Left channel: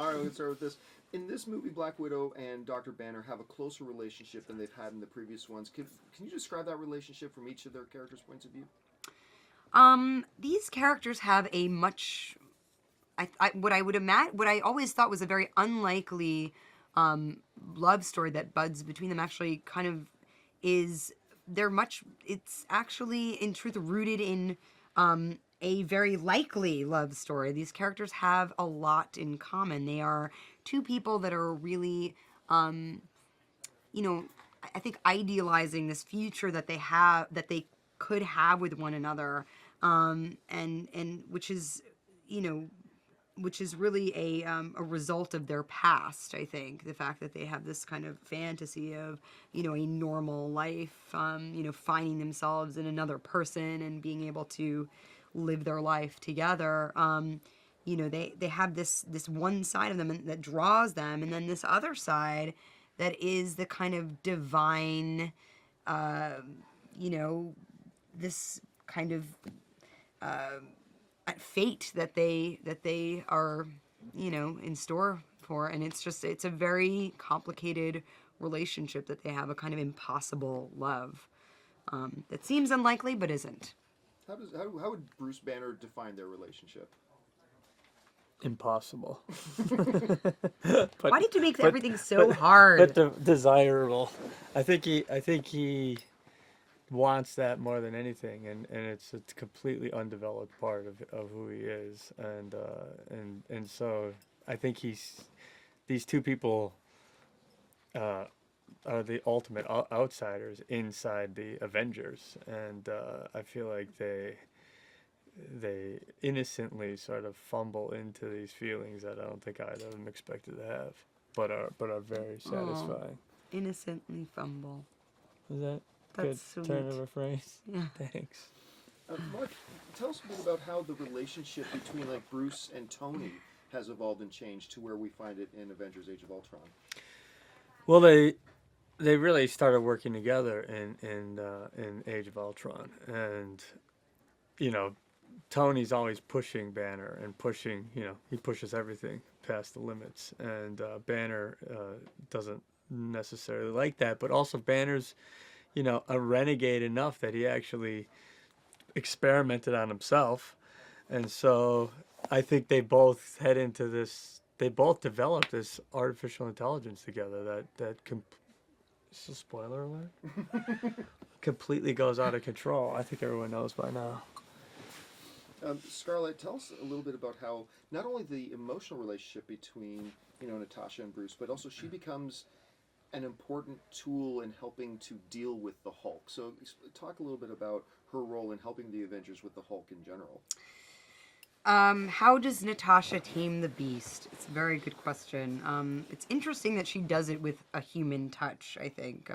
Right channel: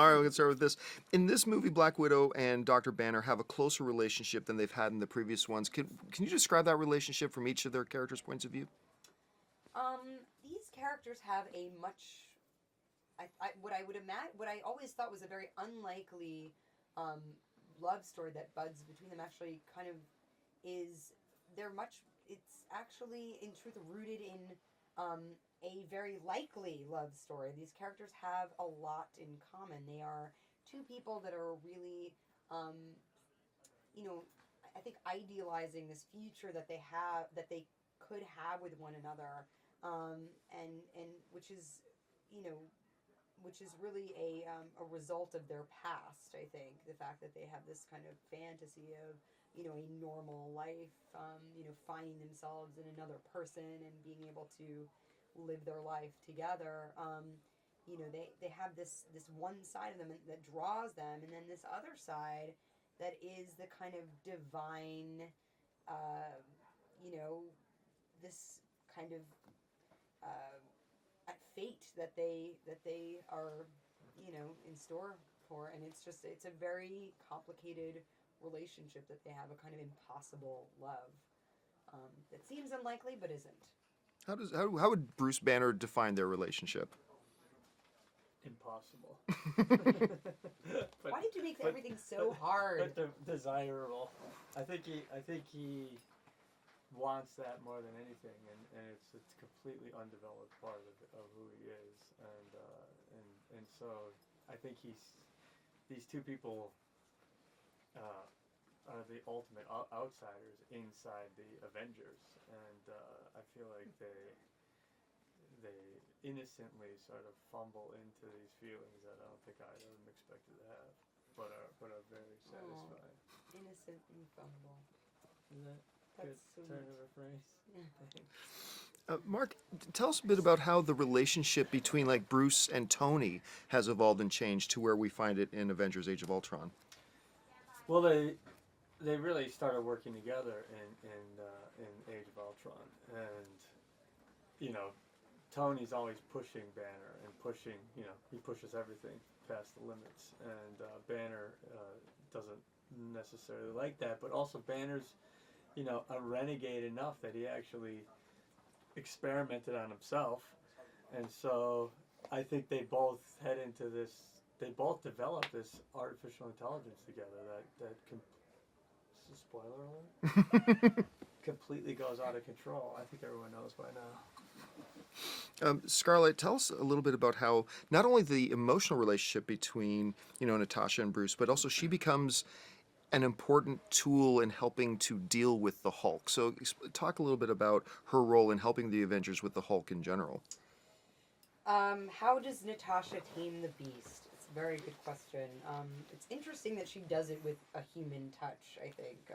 All right, we can start with this. In this movie, Black Widow and Dr. Banner have a closer relationship than they've had in the previous ones. Can you describe that relationship from each of their characters' points of view? These characters have a much, what I would imagine, what I always thought was a very unlikely love story that buds between them actually kind of is, it's actually in truth rooted in a very likely love story. These characters have a lot in common. They are two people that are really, you know, I think idealizing this future that they have, that they could have with one another, and which is, you know, which is really a result of their past. I think the fact that they have this kind of fantasy of, you know, a normal life, you know, finding themselves in another person and being able to live their life together. You know, they have this one side of them that draws them, and then this other side that is the kind of divine, you know, this kind of fate that they are, you know, in store for. And it's a very complicated relationship that they have, a kind of impossible love that seems unlikely but isn't. How would Bruce Banner define their relationship? Impossible. Why did you make everything so hard? But desirable. I think he wants that more than anything, and it's a completely undeveloped part of who he is, and so I think these two people are the ultimate outsiders inside the Avengers, and I feel like they innocently sort of fumble into these feelings that I don't think I'd have expected to have, but are very satisfying. Innocently fumble. Is that That's good sweet. turn of a phrase? Yeah. Thanks. Mark, tell us a bit about how the relationship between like Bruce and Tony has evolved and changed to where we find it in Avengers: Age of Ultron. Well, they really started working together in Age of Ultron, and you know, Tony's always pushing Banner and pushing, you know, he pushes everything past the limits, and Banner doesn't necessarily like that, but also Banner's, you know, a renegade enough that he actually experimented on himself, and so I think they both head into this. They both developed this artificial intelligence together that this is a spoiler alert. Completely goes out of control. I think everyone knows by now. Scarlett, tell us a little bit about how not only the emotional relationship between, you know, Natasha and Bruce, but also she becomes an important tool in helping to deal with the Hulk. So talk a little bit about her role in helping the Avengers with the Hulk in general. How does Natasha tame the beast? It's a very good question. It's interesting that she does it with a human touch, I think,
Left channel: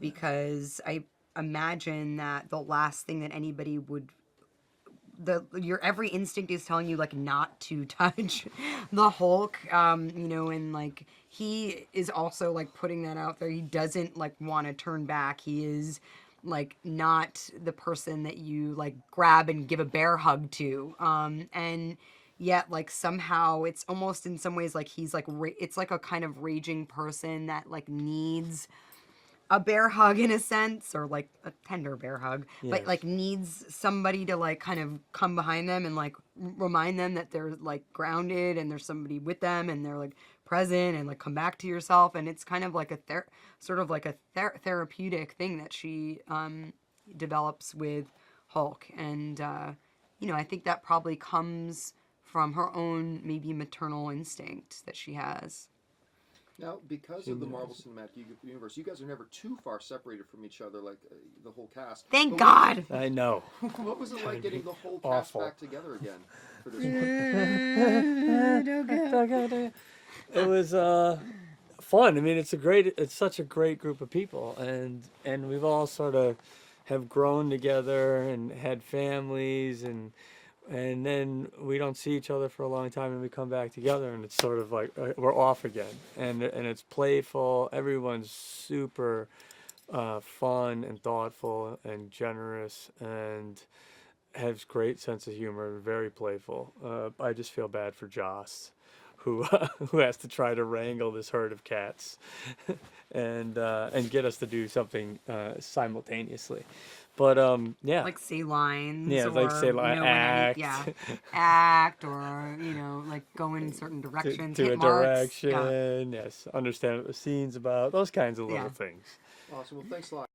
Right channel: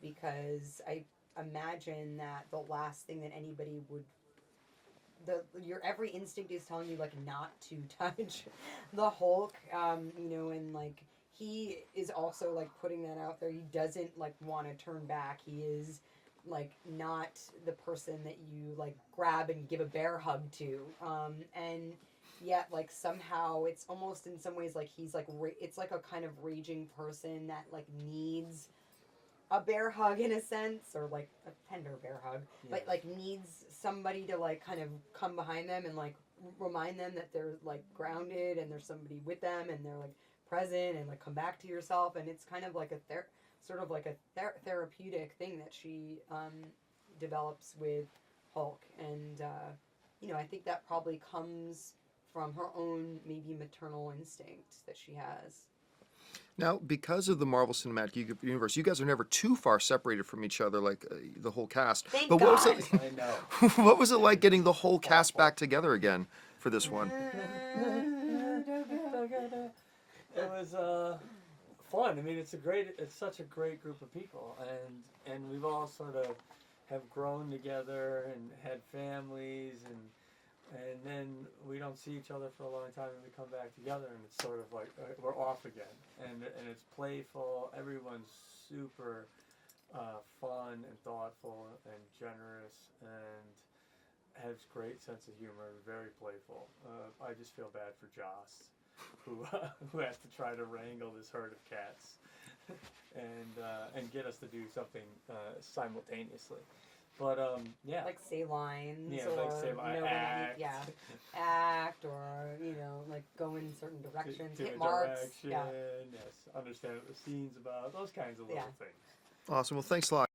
because I imagine that the last thing that anybody would, your every instinct is telling you like not to touch the Hulk, you know, and like he is also like putting that out there. He doesn't like want to turn back. He is like not the person that you like grab and give a bear hug to, and yet like somehow it's almost in some ways like he's like it's like a kind of raging person that like needs a bear hug in a sense, or like a tender bear hug, Yes. but like needs somebody to like kind of come behind them and like remind them that they're like grounded and there's somebody with them and they're like present and like come back to yourself. And it's kind of like a therapeutic thing that she develops with Hulk. And you know, I think that probably comes from her own maybe maternal instinct that she has. Now, because of the Marvel Cinematic Universe, you guys are never too far separated from each other, like the whole cast. Thank but God. What was it, I know. what was it like getting the whole cast Awful. back together again for this one? It was fun. I mean, it's such a great group of people, and we've all sort of have grown together and had families, and then we don't see each other for a long time, and we come back together, and it's sort of like we're off again, and it's playful. Everyone's super fun and thoughtful and generous and has great sense of humor and very playful. I just feel bad for Joss, who who has to try to wrangle this herd of cats, and get us to do something simultaneously. But yeah, Like say lines. yeah, or, like say like when act. act, or like go in certain directions, to hit a marks. direction, yes, understand what the scene's about, those kinds of little Yeah. things. Awesome. Well, thanks a lot.